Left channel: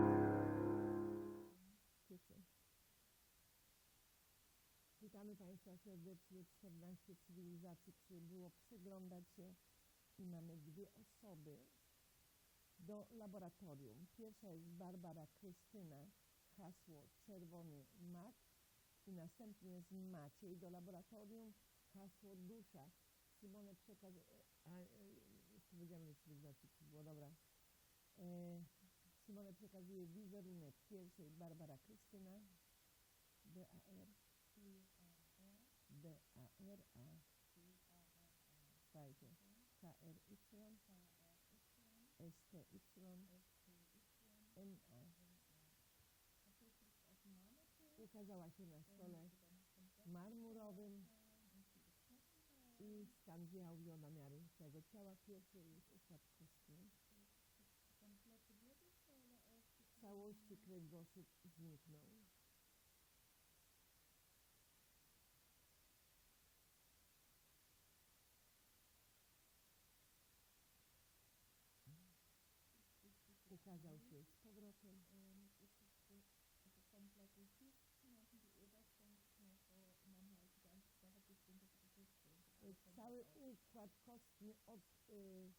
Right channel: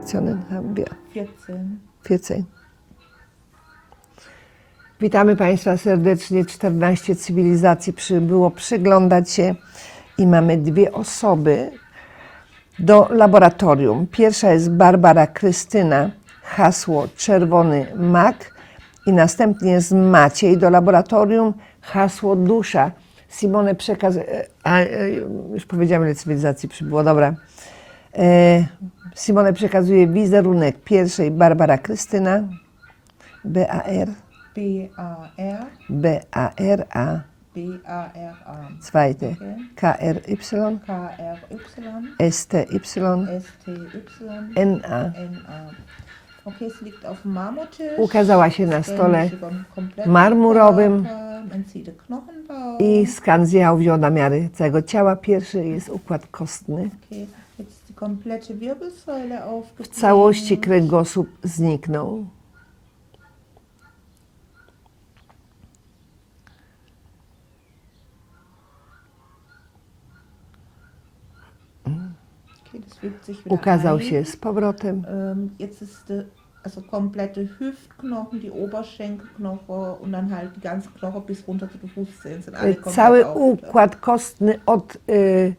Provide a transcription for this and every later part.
Nationen haben wir? 14. 14. Witamy Państwa serdecznie. 14 cywilizacji przybyło przyglądać się i mamy dwie osoby do laboratorium. Pierwsza jest Barbara Krystyna, hasło Czerwony Mak i następnie jest Maciej do laboratorium, hasło Dusza. Simone przekaz... e, A, e, już powiedziałem, ile cywilizacji przybyło, dobra. E, Simone przekazuje wizerunek pierwszej Barbara Krystyna, BAR, B-A-R, B-A-R-A, B-A-R-A. zweite. KRY, K-R-Y, STY, S-T-Y, NA. N-A. Ukazała się na stole marmurowym i skan zjechał wziął namiary całego ciała. Pierwszy jest układ kostny. W całości kręgosłup zniknął. Ukazał się z powrotem. Der also komplette Hüftknochen, die und dann halt die ganzen Knochen bis runter zu Fußzehen sind alle komplett Cały układ kostny od, y,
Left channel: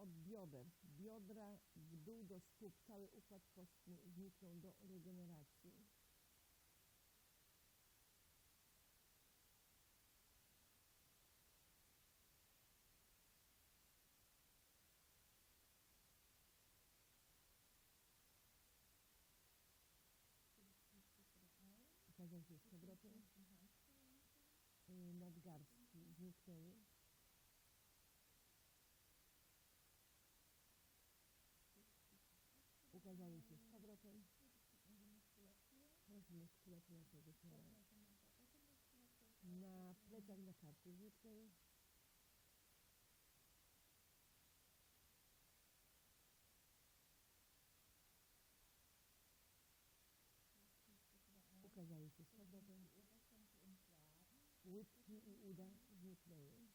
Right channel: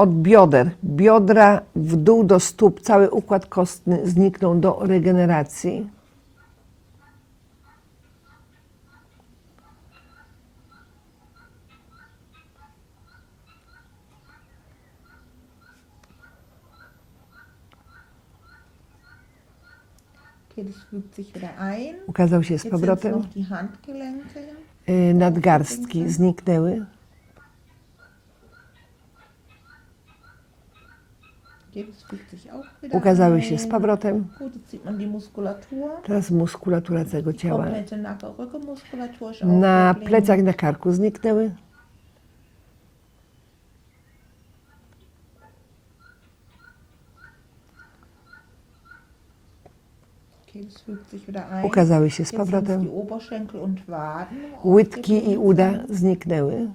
od bioder, biodra w dół do stóp, cały układ kostny zniknął do regeneracji. Ukazał się z powrotem. Y, Nadgarstki zniknęły. Okay, das fügt sich auch wieder Ukazały się z powrotem. Teraz muskulatura całego ciała. Na plecach na karku zniknęły. Ukazały się z powrotem. Łydki i uda zniknęły.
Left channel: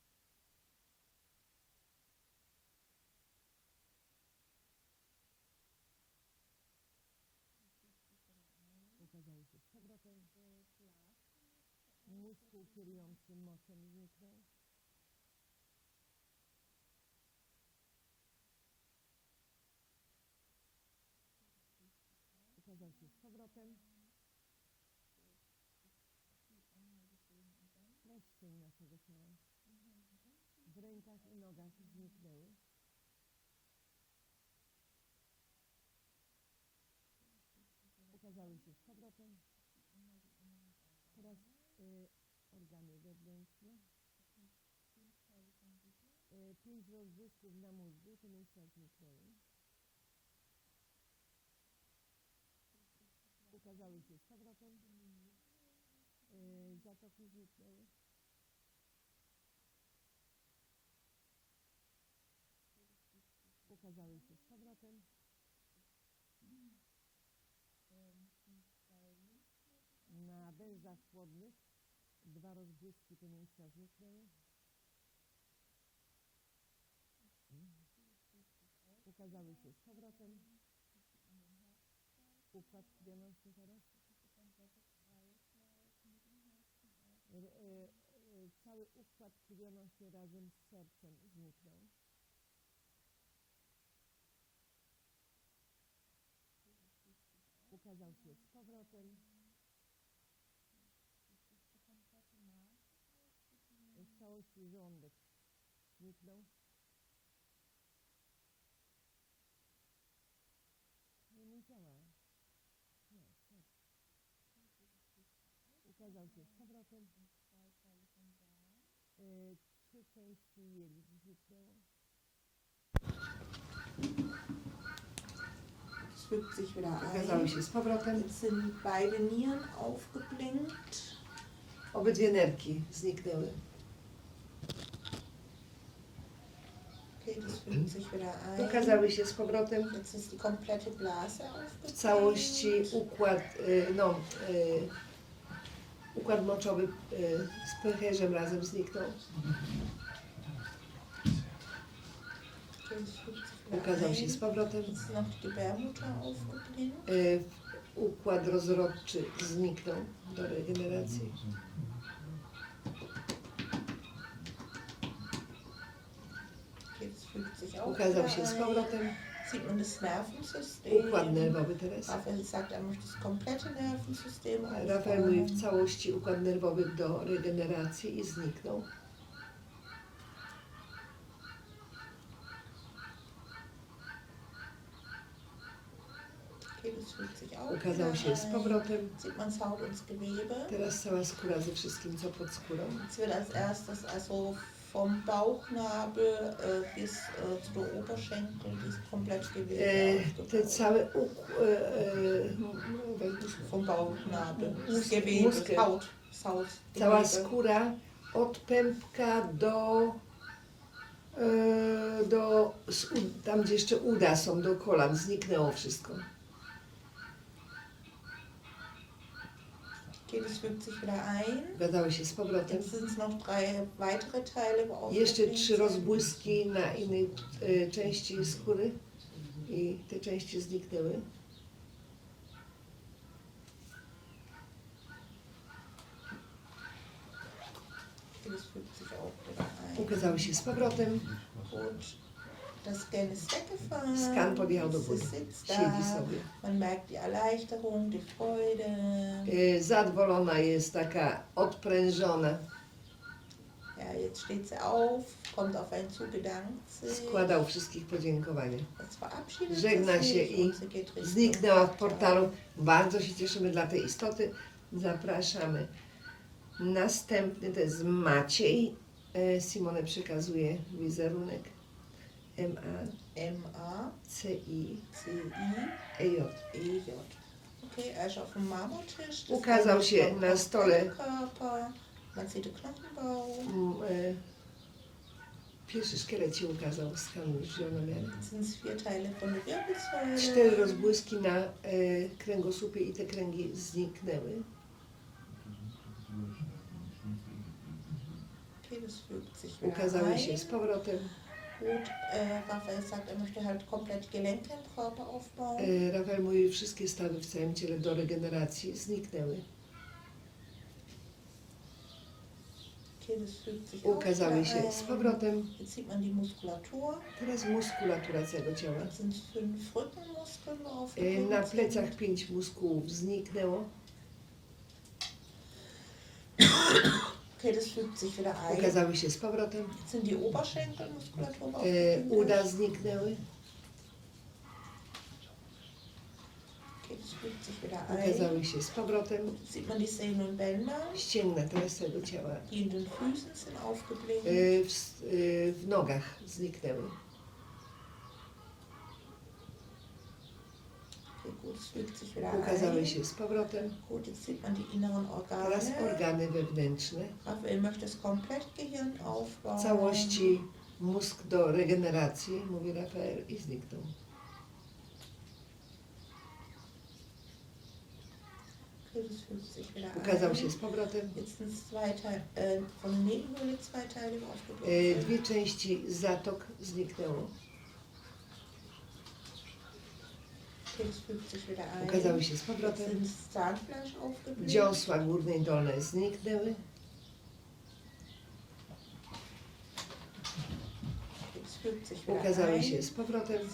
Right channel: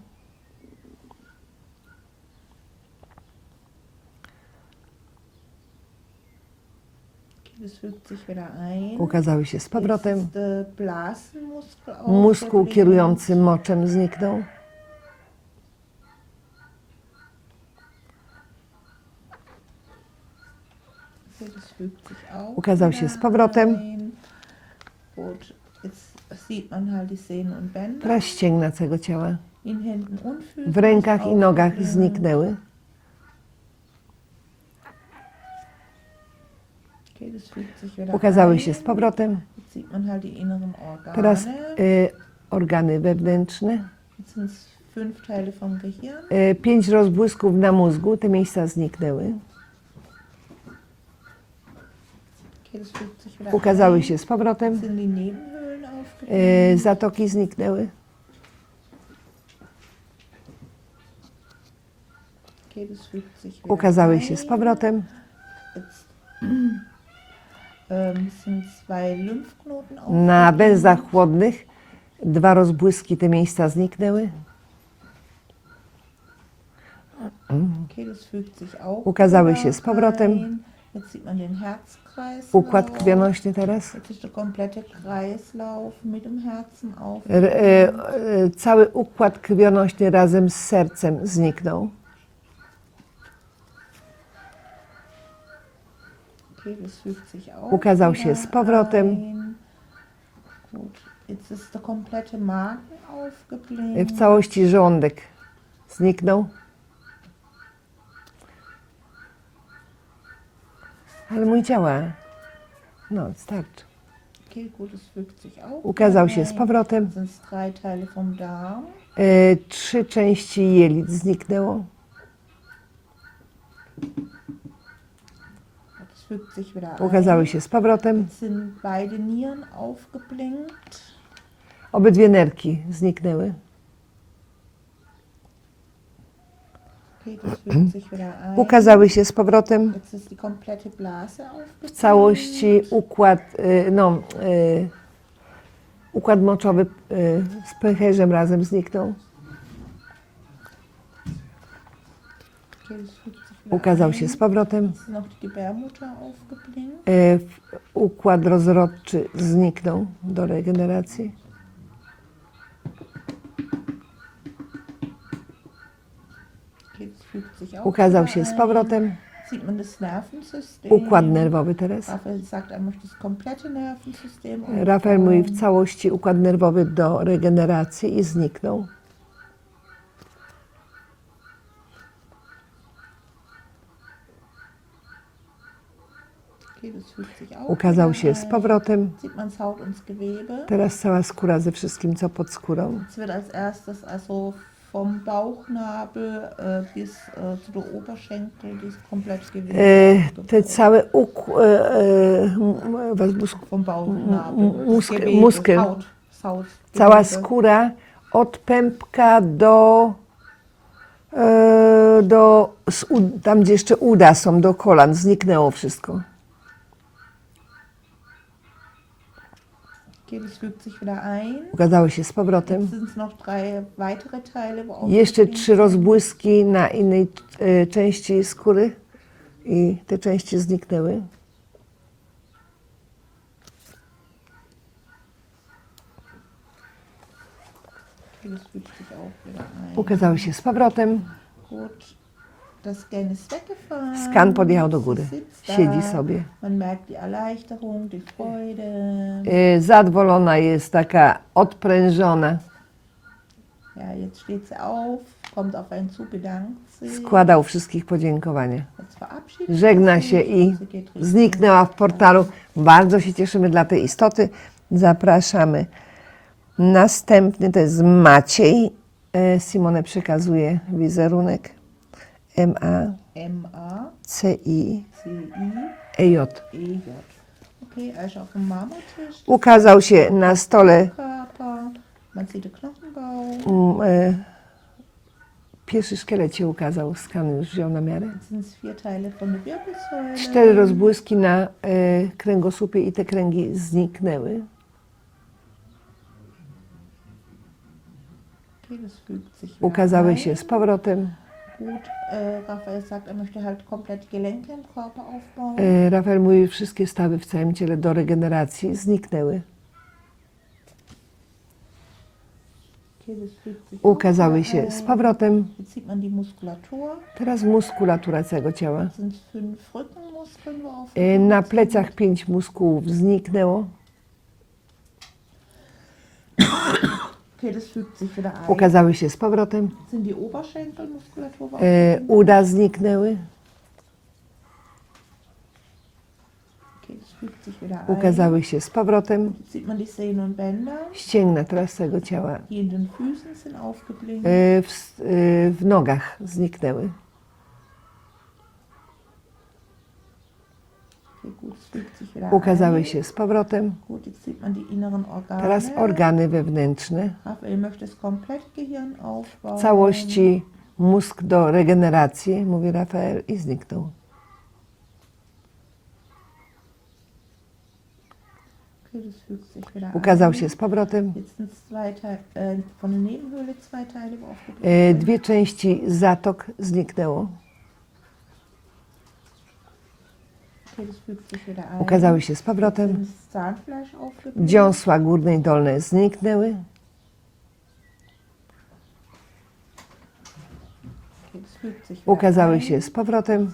Okay, das fügt sich wieder ein. Ukazały się z powrotem. Mózg aufgeblieben. kierujący moczem zniknął. Ukazał się z powrotem. ein. Gut, jetzt sieht man halt die Sehnen und Bänder. Teraz ścięgna całego ciała. W rękach i nogach zniknęły. Okay, das fügt sich wieder Ukazały się z powrotem. Teraz y, organy wewnętrzne. Y, pięć rozbłysków na mózgu. Te miejsca zniknęły. Ukazały się z powrotem. Y, zatoki zniknęły. Ukazały się z powrotem. Zwei Lymphknoten Na węzłach chłodnych dwa rozbłyski. Te miejsca zniknęły. Ukazały się z powrotem. Układ krwionośny teraz. R, y, y, cały układ krwionośny razem z sercem zniknął. Ukazał się z powrotem. W całości żołądek zniknął. Ale mój działa. No, starczy. Ukazał się z powrotem. Y, trzy części jelit zniknęło. Das fügt sich wieder Ukazały ein. się z powrotem. Jetzt sind beide Nieren aufgeblinkt. Obydwie nerki zniknęły. Okay, das fügt sich wieder ein. Ukazały się z powrotem. Jetzt ist die komplette Blase W aufgeblinkt. całości układ, y, no, y, układ moczowy y, z pęcherzem razem zniknął. Okay, das fügt sich wieder ukazał się z powrotem. E, układ rozrodczy zniknął do regeneracji. Ukazał się z powrotem. Układ nerwowy teraz. Er Rafael mówi w całości układ nerwowy do regeneracji i zniknął. Okay, das fügt sich auch Ukazał się z powrotem. Teraz cała skóra ze wszystkim, co pod skórą. Äh, äh, aufgebaut. te całe układ, e, e, was Muskel- cała skóra od pępka do, e, do tam gdzie jeszcze uda są, do kolan, zniknęło wszystko. Drei weitere Teile, wo Jeszcze trzy rozbłyski na innej e, części skóry i te części zniknęły. Ukazały się z powrotem. Gut. Skan podjechał do góry. Siedzi sobie. E, Zadowolona jest, taka odprężona. Składał wszystkich podziękowania. Żegna się i zniknęła w portalu. Bardzo się cieszymy dla tej istoty. Zapraszamy. Następny to jest Maciej. E, Simone przekazuje wizerunek. Auf dem Marmortisch. Das Ukazał się na stole e, pierwszy szkielet się ukazał. Skan już wziął na miarę. Cztery rozbłyski na e, kręgosłupie i te kręgi zniknęły. Ukazały się z powrotem. Gut, äh, Raphael sagt, er möchte halt komplett Gelenke im Körper aufbauen. E, Rafael mówi, wszystkie stawy w całym ciele do regeneracji zniknęły. Okay, das fügt sich auch Ukazały się z powrotem. Jetzt sieht man die Muskulatur. Teraz muskulatura całego ciała. Das sind fünf Rückenmuskeln, wo E, aufgebaut Na plecach pięć muskułów zniknęło. Okay, das fügt sich wieder ein. Się z powrotem. Jetzt sind die Oberschenkelmuskulatur. wo E, Uda zniknęły. Okay, das fügt sich wieder ein. Ukazały się z powrotem. Sieht man die Ścięgna ciała. die in den Füßen sind aufgeblinkt. E, W, s- e, w nogach zniknęły. Okay, gut, es fügt sich wieder Ukazały się z powrotem. Teraz organy wewnętrzne. W całości mózg do regeneracji, mówi Rafael, i zniknął. Ukazał się z powrotem. E. Dwie części zatok zniknęło. Okay, das fügt sich wieder ein. Ukazały się z powrotem. Dziąsła górne i dolne zniknęły. Ukazały się z powrotem.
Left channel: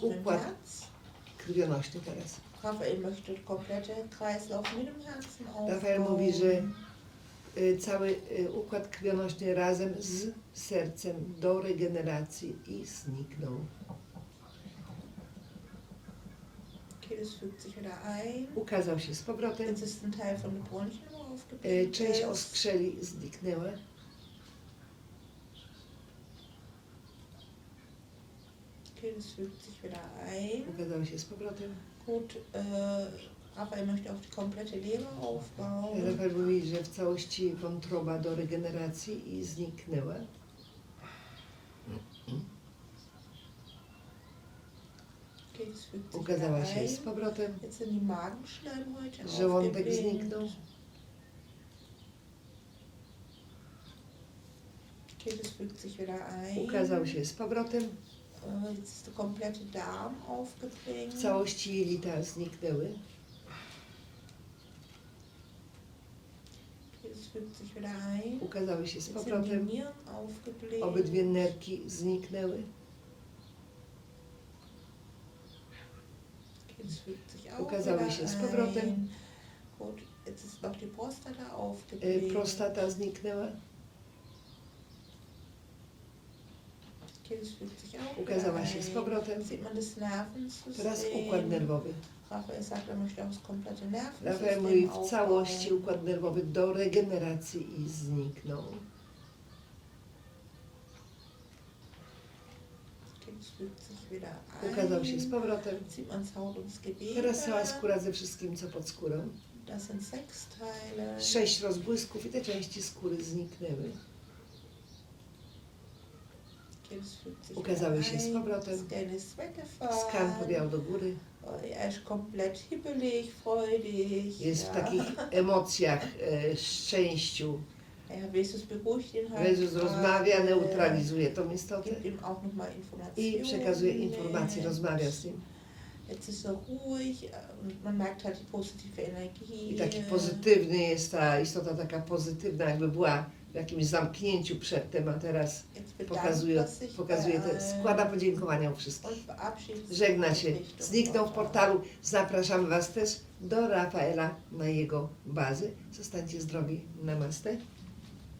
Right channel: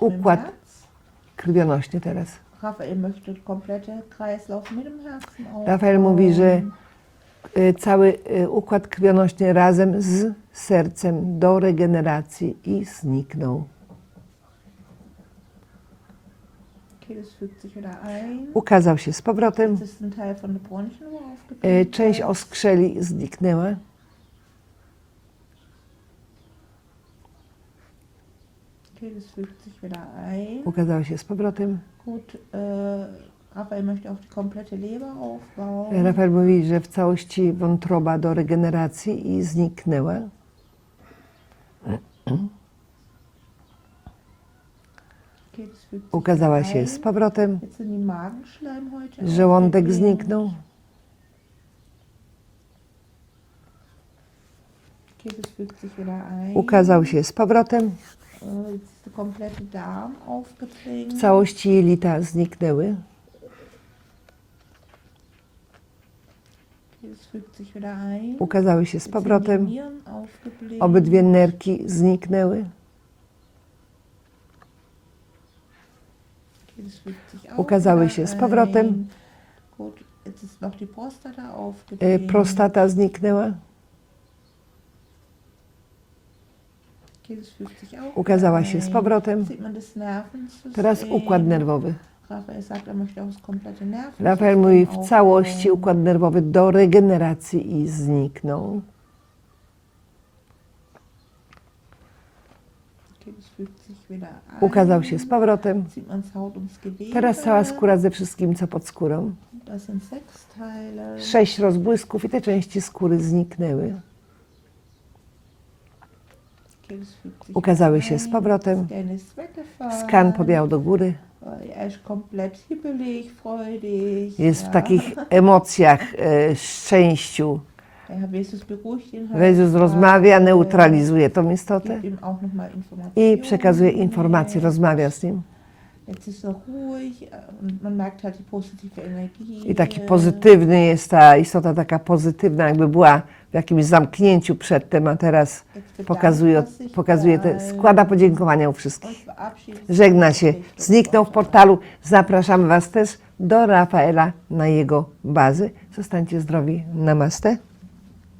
Układ. Krwionośnie teraz. Rafael mówi, że e, cały e, układ krwionośny razem z sercem do regeneracji i zniknął. Okay, das fügt sich wieder ein. Ukazał się z powrotem. E. Część oskrzeli zniknęła. Ukazała się z powrotem. Äh, Raphael möchte auch die komplette Leber aufbauen. Rafael mówi, że w całości wątroba do regeneracji i zniknęła. Okay, das fügt sich Ukazała się z powrotem. Żołądek zniknął. Ukazał się z powrotem. W całości jelita zniknęły. Ukazały się z powrotem. Obydwie nerki zniknęły. Okay, das fügt sich auch Ukazały się z powrotem. E. Prostata zniknęła. Ukazała się z powrotem. Teraz układ nerwowy. Er Rafael mówi w całości układ nerwowy do regeneracji i zniknął. Okay, das fügt sich wieder ein. Ukazał się z powrotem. Teraz cała skóra ze wszystkim, co pod skórą. Sześć rozbłysków i te części skóry zniknęły. Ukazały się z powrotem. Skan podjął do góry. Jest w takich emocjach, e, szczęściu. Jezus rozmawia, neutralizuje tą istotę i przekazuje informacje, rozmawia z nim. I taki pozytywny jest ta istota, taka pozytywna, jakby była w jakimś zamknięciu przedtem, a teraz pokazuje, sich pokazuje te, składa podziękowania u wszystkich. Żegna się, zniknął w portalu. Zapraszamy Was też do Rafaela na jego bazy. Zostańcie zdrowi. Namaste.